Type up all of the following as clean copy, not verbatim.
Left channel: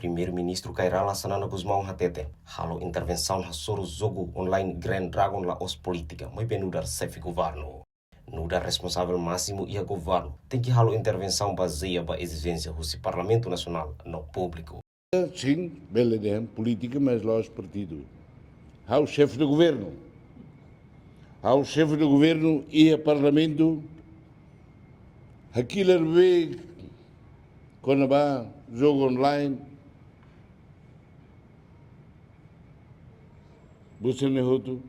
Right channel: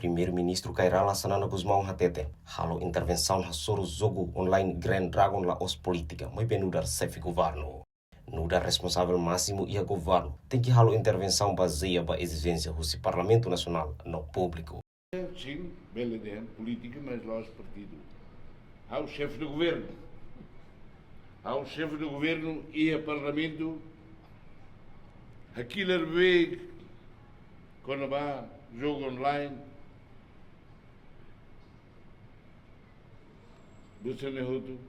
Primeiro-ministro Kairala Sanana Guzmão Hatete, halo intervenção na soro jogo online Grand Dragon la os política, mas bem nudar chefe governo. Nudar responsável máximo e a governo tem que halo intervenção baseia ba exigência do Parlamento Nacional no público. Sim, bela ideia, política, mas lá os partidos. Há o chefe do governo. Há o chefe do governo e o Parlamento. Aquilo é quando vai jogo online. Você não é outro.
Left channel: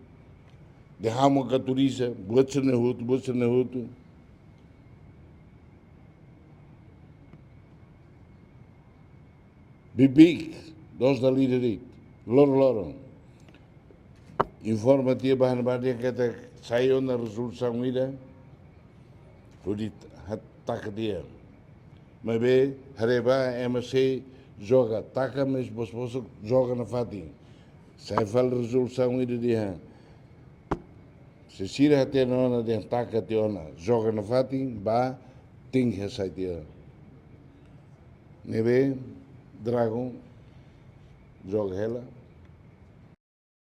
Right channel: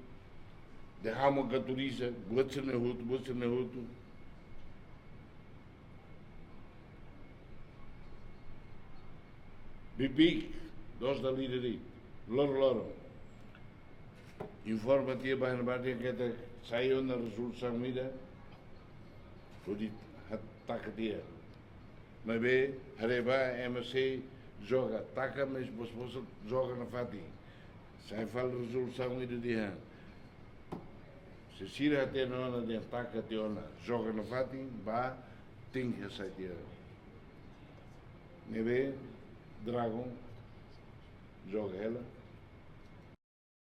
Derrama a caturiza. Você não é outro. Você não é outro. Bibi, nós da líder. Loro. Informa-te bahana que até saiu na resolução ida. O dito ataca dia. Mas bem, Hareba, MC, joga, ataca, mas você joga na fatinha. Sai fala resolução ida dia. Se sira até na hora de ataca até ona, joga na fatinha, ba, tem que sair dia. Nebe, Dragon, joga ela.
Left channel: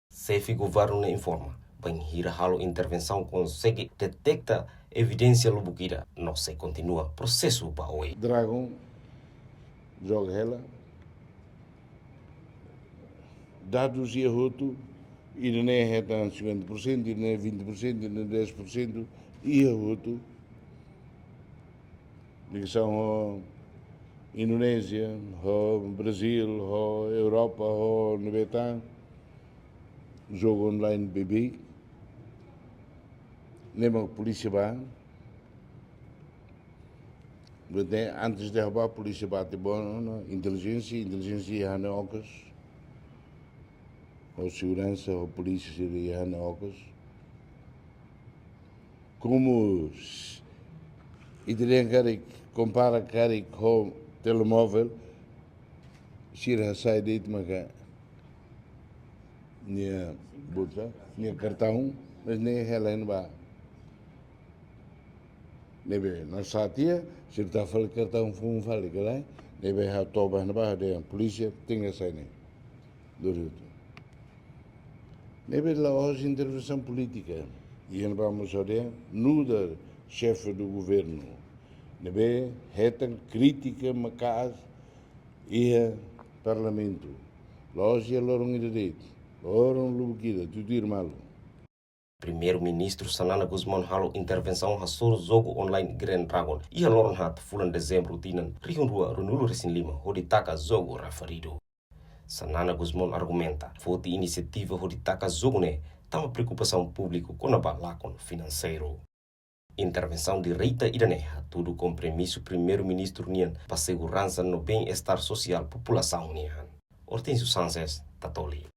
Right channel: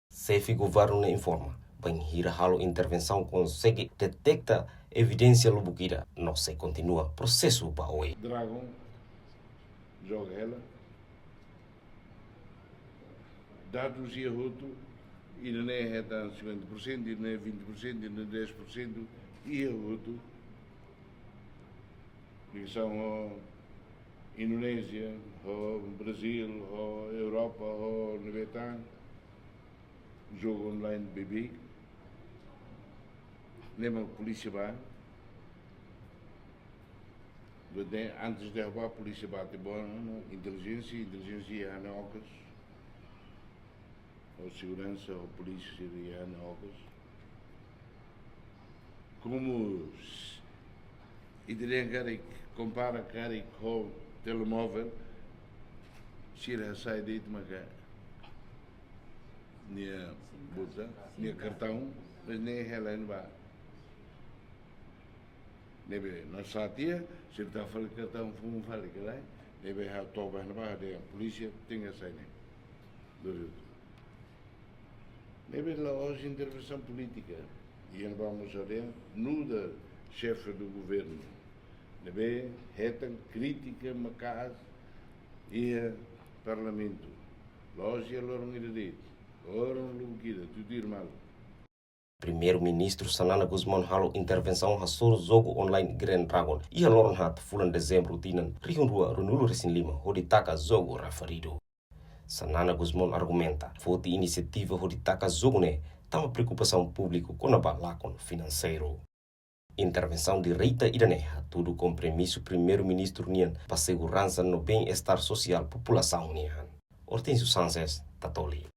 Chefe governo informa, bem hira halo intervenção consegue detecta evidência lubuquira, não se continua processo para oi. Dragon, joga ela. Dados e arroto, ainda não é 50%, ainda não é 20%, ainda não é 10%, e arroto. Ligação ao Indonésia, ao Brasil, ao Europa, ao Nebetan, jogo online BB, lembra a polícia vai, antes de derrubar a polícia bate bom, inteligência já não ocas, ou segurança, ou polícia já não ocas, como e teria que compara com telemóvel, se sai de maga minha bolsa, minha cartão, mas nem ela não vai. Nebe nós satia, se está falando cartão foi fala que lá, nebe ha toba na barra de polícia tem essa aí, do nebe lá hoje intervenção política e não vamos olhar nuda chefe do governo. Nebe retan crítica macas e parlamento. Loja lorong ide lorong lubukida tudo irmão. Primeiro-ministro Sanana Guzmão halo intervenção ha soro jogo online Grand Dragon e a loron hat fulan dezembro tinan rihun rua runulu resin lima hoditaka jogo referido. Sanana Guzmão argumenta, foi iniciativa hoditaka jogo ne tama preocupação público com a balacon financeiro. Intervenção direita iraneha, tudo com premisso primeiro-ministro Nian para segurança no bem-estar social população Nian. Hortêncio Sánchez, Tatoli.